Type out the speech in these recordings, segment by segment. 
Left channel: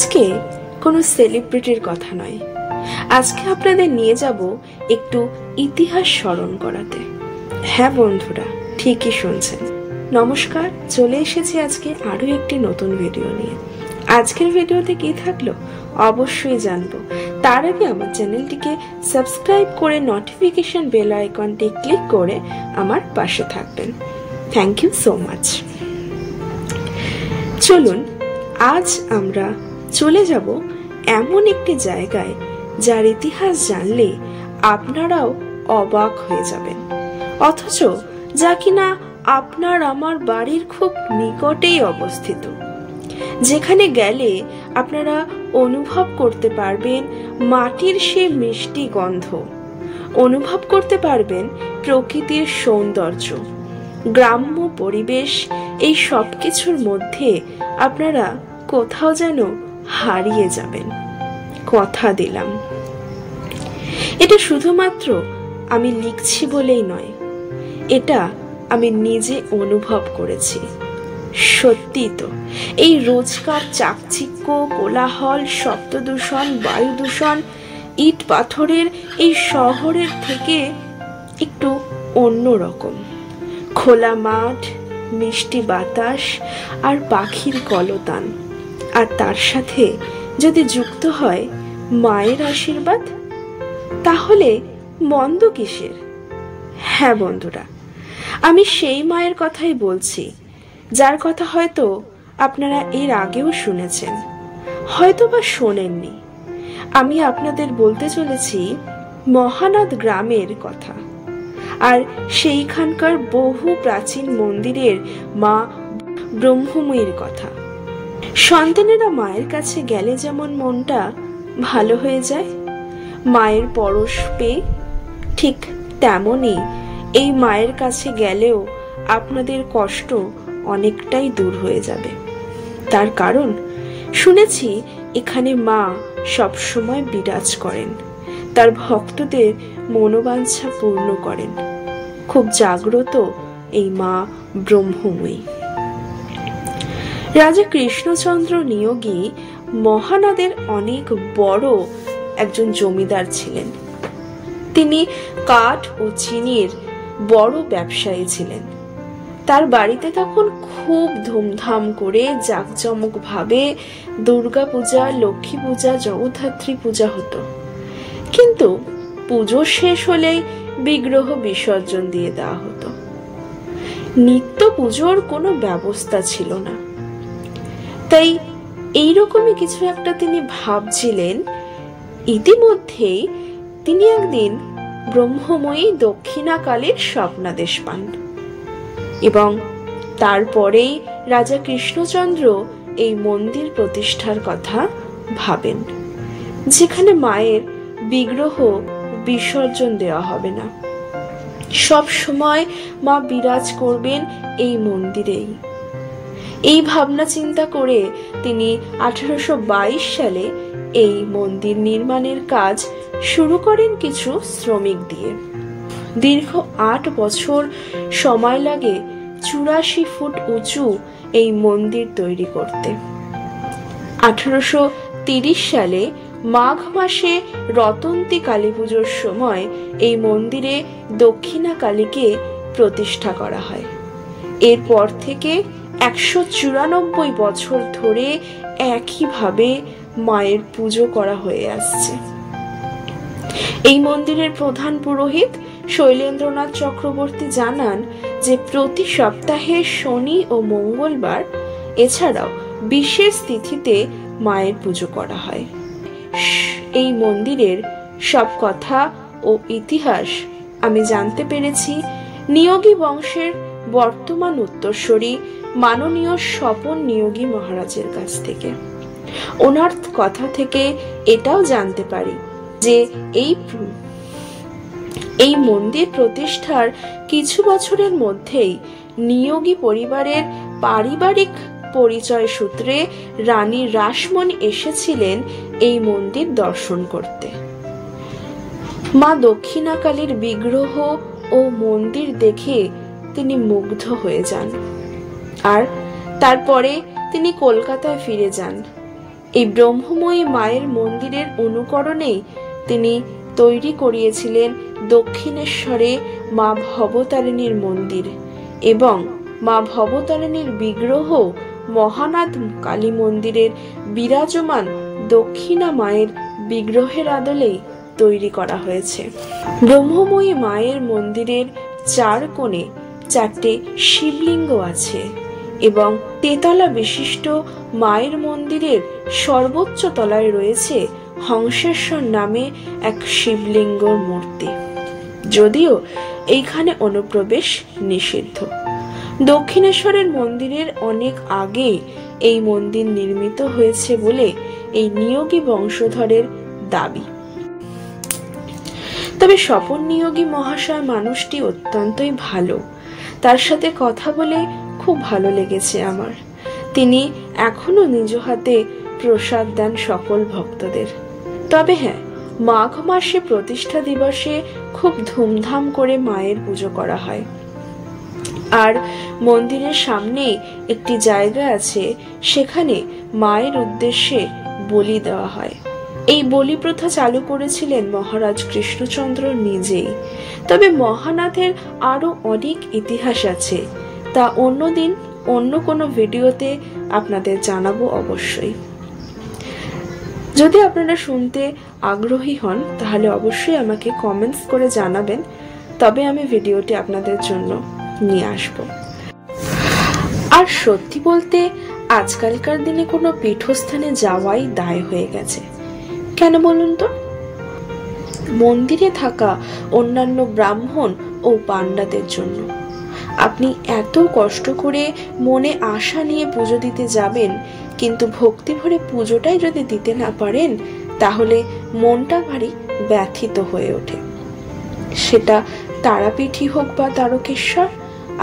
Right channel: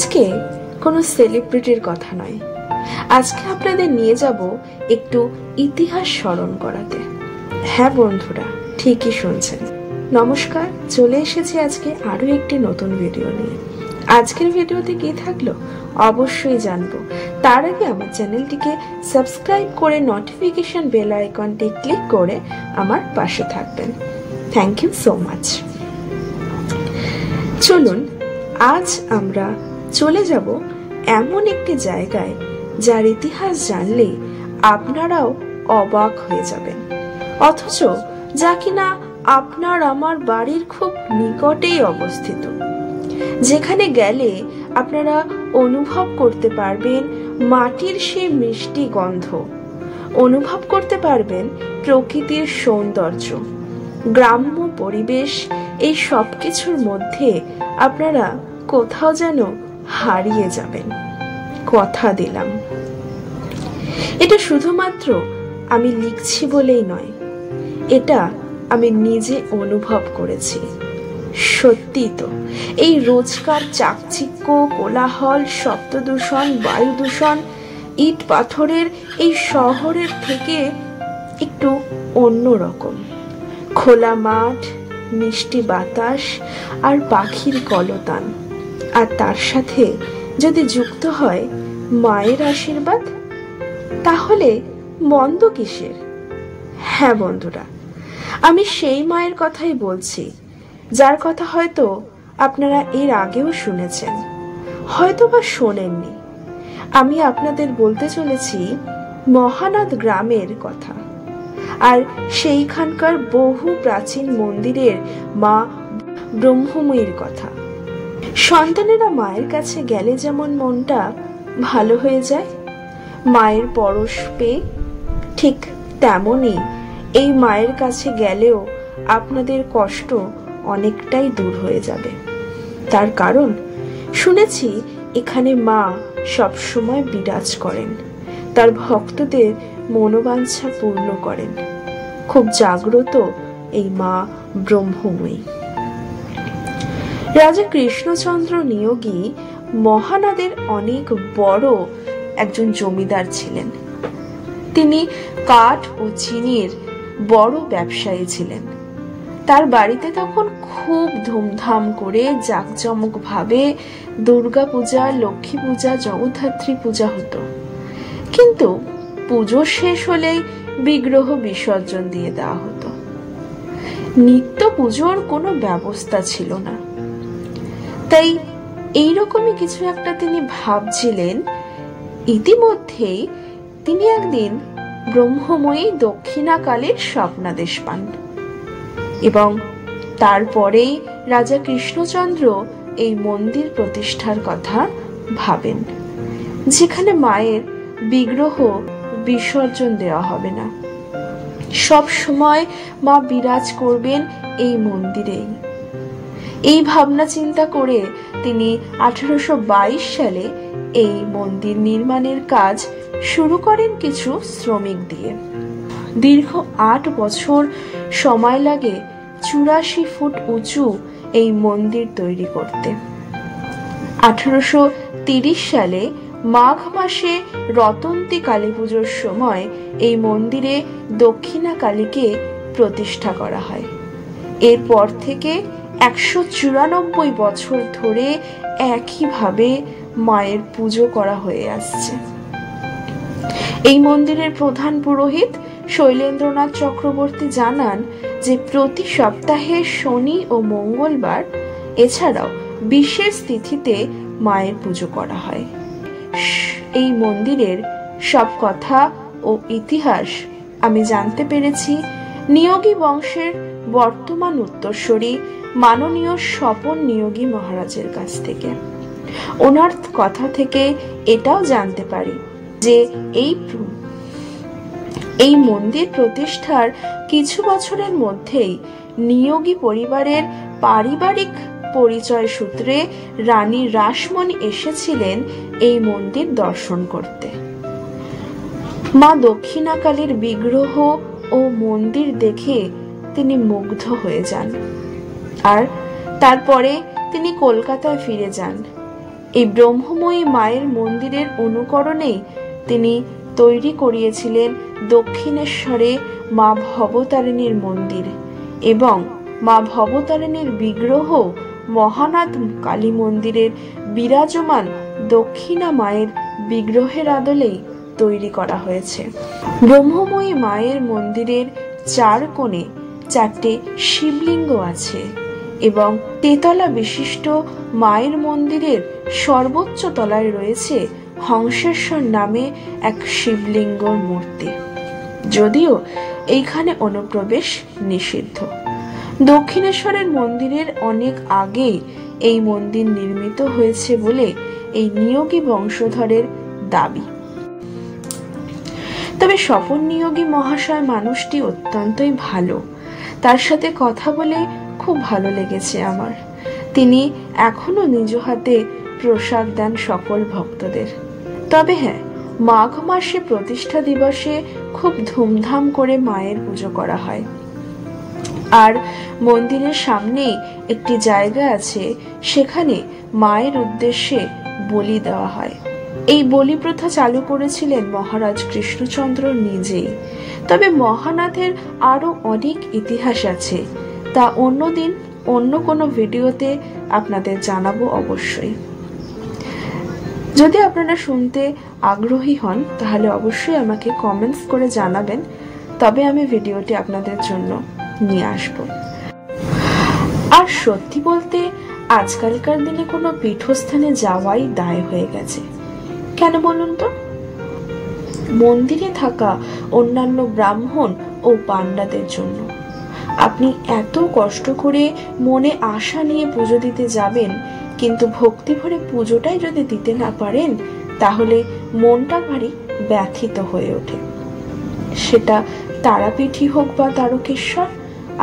আজকে কোনো সেলিব্রিটির কথা নয়, আজকে আপনাদের নিয়ে যাব একটু ইতিহাস স্মরণ করাতে। হ্যাঁ বন্ধুরা, ঠিকই শুনছেন। নমস্কার, চলে এসেছি আজকে আরো একটি নতুন ভিডিও নিয়ে। আজকের ভিডিওতে কি থাকলো অবশ্যই জানবো। তার আগে আমার চ্যানেলটিকে সাবস্ক্রাইব করে নোটিফিকেশন বেল আইকনটি ক্লিক করে আমার পাশে থাকবেন। Thank you so much. চলুন আজ আমরা চলে যাব এমন একটি জায়গায় যার ইতিহাস জানলে আপনারাও অবাক হয়ে যাবেন, অথচ যা কিনা আপনার আমার বাড়ির খুব নিকটেই অবস্থিত, যেখানে গেলে আপনারা অনুভব করতে পারবেন মাটির সে মিষ্টি গন্ধ, অনুভব করতে পারবেন প্রকৃতির সৌন্দর্য, গ্রাম্য পরিবেশ। এই সবকিছুর মধ্যে আপনারা কোথাও যেন হারিয়ে যাবেন, কথা দিলাম। এটা শুধুমাত্র আমি লিখছি বলেই নয়, এটা আমি নিজে অনুভব করেছি। সত্যি তো, এই রোজকার চাকচিক্য, কোলাহল, শব্দ দূষণ, বায়ু দূষণ, ইট পাথরের এই শহরের থেকে একটু অন্যরকম। খোলা মাঠ, মিষ্টি বাতাস আর পাখির কলতান, আর তার সাথে যদি যুক্ত হয় মায়ের আশীর্বাদ, তাহলে মন্দ কিসের? হ্যাঁ বন্ধুরা, আমি সেই মায়ের কথাই বলছি, যার কথা হয়তো আপনারা এর আগেও শুনেছেন, হয়তো বা শোনেননি। আমি আপনাদের বলতে চলেছি মহানাদ গ্রামের কথা, আর সেইখানকার বহু প্রাচীন মন্দিরের মা ব্রহ্মময়ীর কথা। সন্তানেরা মায়ের কাছে গেলে যেমন মনটা ভালো হয়ে যায় মায়ের পরশ পেয়ে, ঠিক তেমনই এই মায়ের কাছে গেলেও আপনাদের কষ্ট অনেকটাই দূর হয়ে যাবে। তার কারণ শুনেছি এখানে মা সবসময় বিরাজ করেন, তার ভক্তদের মনোবাঞ্ছা পূর্ণ করেন। খুব জাগ্রত এই মা ব্রহ্মময়ী। রাজা কৃষ্ণচন্দ্র নিয়োগী মহানাদের অনেক বড় একজন জমিদার ছিলেন। তিনি কাঠ ও চিনির বড় ব্যবসায়ী ছিলেন। তার বাড়িতে তখন খুব ধুমধাম করে জাঁকজমক ভাবে দুর্গা পূজা, লক্ষ্মী পূজা, জগদ্ধাত্রী পূজা হতো। কিন্তু পুজো শেষ হলেই বিগ্রহ বিসর্জন দিয়ে দেওয়া হতো। নিত্য পুজোর কোনো ব্যবস্থা ছিল না। তাই এইরকমই কিছু একটা তিনি ভাবছিলেন। ইতিমধ্যেই তিনি একদিন ব্রহ্মময়ী দক্ষিণাকালীর স্বপ্নাদেশ পান, এবং তারপরেই রাজা কৃষ্ণচন্দ্র এই মন্দির প্রতিষ্ঠার কথা ভাবেন, যেখানে মায়ের বিগ্রহ বিসর্জন দেওয়া হবে না, সব সময় মা বিরাজ করবেন এই মন্দিরেই। এই ভাবনা চিন্তা করে তিনি 1822 সালে এই মন্দির নির্মাণের কাজ শুরু করেন কিছু শ্রমিক দিয়ে। দীর্ঘ 8 বছর সময় লাগে 84 ফুট উঁচু এই মন্দির তৈরি করতে। 1830 সালে মাঘ মাসে রতন্তী কালী পুজোর সময় এই মন্দিরে দক্ষিণা কালীকে প্রতিষ্ঠা করা হয়। এরপর থেকে 194 বছর ধরে একইভাবে মায়ের পুজো করা হয়ে আসছে। এই মন্দিরের প্রধান পুরোহিত শৈলেন্দ্রনাথ চক্রবর্তী জানান যে প্রতি সপ্তাহে শনি ও মঙ্গলবার এছাড়াও বিশেষ তিথিতে মায়ের পুজো করা হয়। এই মন্দিরের সব কথা ও ইতিহাস আমি জানতে পেরেছি নিয়োগী বংশের বর্তমান উত্তরসূরি মাননীয় স্বপন নিয়োগী মহারাজের কাছ থেকে। ওনার কথা থেকে এটাও জানতে পারি যে এই মন্দির প্রতিষ্ঠার কিছু বছরের মধ্যেই নিয়োগী পরিবারের পারিবারিক পরিচয় সূত্রে রানী রাসমণি এসেছিলেন এই মন্দির দর্শন করতে। মা দক্ষিণাকালীর বিগ্রহ ও মন্দির দেখে তিনি মুগ্ধ হয়ে যান, আর তারপরে তিনি কলকাতায় ফিরে যান এই ব্রহ্মময়ী মায়ের মন্দিরের অনুকরণেই তিনি তৈরি করিয়েছিলেন দক্ষিণেশ্বরে মা ভবতারিণীর মন্দির এবং মা ভবতারিণীর বিগ্রহ মহানাদ কালী মন্দিরের বিরাজমান দক্ষিণা মায়ের বিগ্রহের আদলেই তৈরি করা হয়েছে। ব্রহ্মময়ী মায়ের মন্দিরের চার কোণে চারটে শিবলিঙ্গ আছে এবং তেতলা বিশিষ্ট মায়ের মন্দিরের সর্বোচ্চ তলায় রয়েছে হংসেশ্বর নামে এক শিবলিঙ্গর মূর্তি, যদিও এইখানে অনুপ্রবেশ নিষিদ্ধ। দক্ষিণেশ্বরের মন্দিরের অনেক আগে এই মন্দির নির্মিত হয়েছে বলে এই নিয়োগী বংশধরের দাবি। তবে স্বপন নিয়োগী মহাশয় মানুষটি অত্যন্তই ভালো, তার সাথে কথা বলে খুব ভালো লেগেছে আমার। তিনি এখনো নিজ হাতে প্রসাদ দেন সকল ভক্তদের। তবে হ্যাঁ, মাঘ মাসে প্রতিষ্ঠা দিবসে খুব ধুমধাম করে মায়ের পুজো করা হয়। আর মন্দিরের সামনে একটি জায়গা আছে, সেখানে মায়ের উদ্দেশ্যে বলি দেওয়া হয়। এই বলি প্রথা চালু করেছিলেন মহারাজ কৃষ্ণচন্দ্র নিজেই। তবে মহানাথের আরো অনেক ইতিহাস আছে, তা অন্যদিন অন্য কোনো ভিডিওতে আপনাদের জানাবো অবশ্যই। যদি আপনারা শুনতে আগ্রহী হন তাহলে অবশ্যই আমাকে কমেন্টস করে জানাবেন, তবে আমি ভিডিওটি আপনাদের জন্য নিয়ে আসব। আর সত্যি বলতে আজকালকার দিনে কোনো পীঠস্থানে যাওয়াই দায় হয়ে গেছে। কেন বলুন তো? মন্দিরে থাকা অন্যান্য ব্রাহ্মণ ও পান্ডাদের জন্য। আপনি এত কষ্ট করে মনে আশা নিয়ে পুজো দিতে যাবেন, কিন্তু ভক্তি ভরে পুজোটাই যদি দিতে না পারেন, তাহলে মনটা ভারী ব্যথিত হয়ে ওঠে। সেটা তারাপীঠই হোক বা তারকেশ্বর,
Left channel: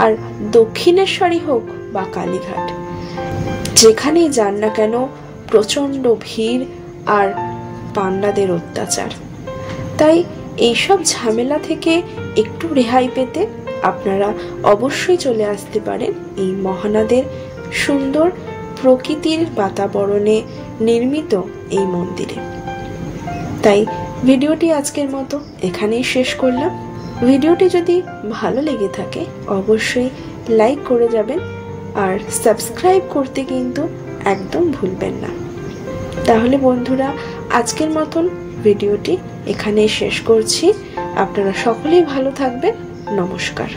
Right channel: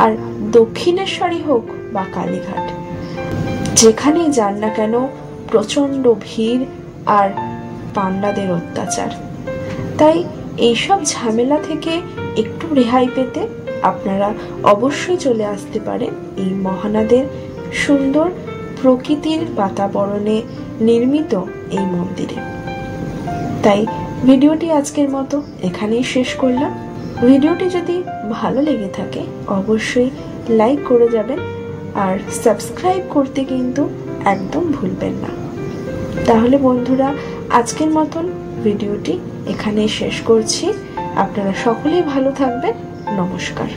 আর দক্ষিণেশ্বরই হোক বা কালীঘাট, যেখানেই যান না কেন প্রচন্ড ভিড় আর পান্ডাদের অত্যাচার। তাই এইসব ঝামেলা থেকে একটু রেহাই পেতে আপনারা অবশ্যই চলে আসতে পারেন এই মহানাদের সুন্দর প্রকৃতির বাতাবরণে নির্মিত এই মন্দিরে। তাই ভিডিওটি আজকের মতো এখানেই শেষ করলাম। ভিডিওটি যদি ভালো লেগে থাকে অবশ্যই লাইক করে যাবেন, আর সাবস্ক্রাইব করতে কিন্তু একদম ভুলবেন না। তাহলে বন্ধুরা, আজকের মতন ভিডিওটি এখানেই শেষ করছি। আপনারা সকলেই ভালো থাকবেন। নমস্কার।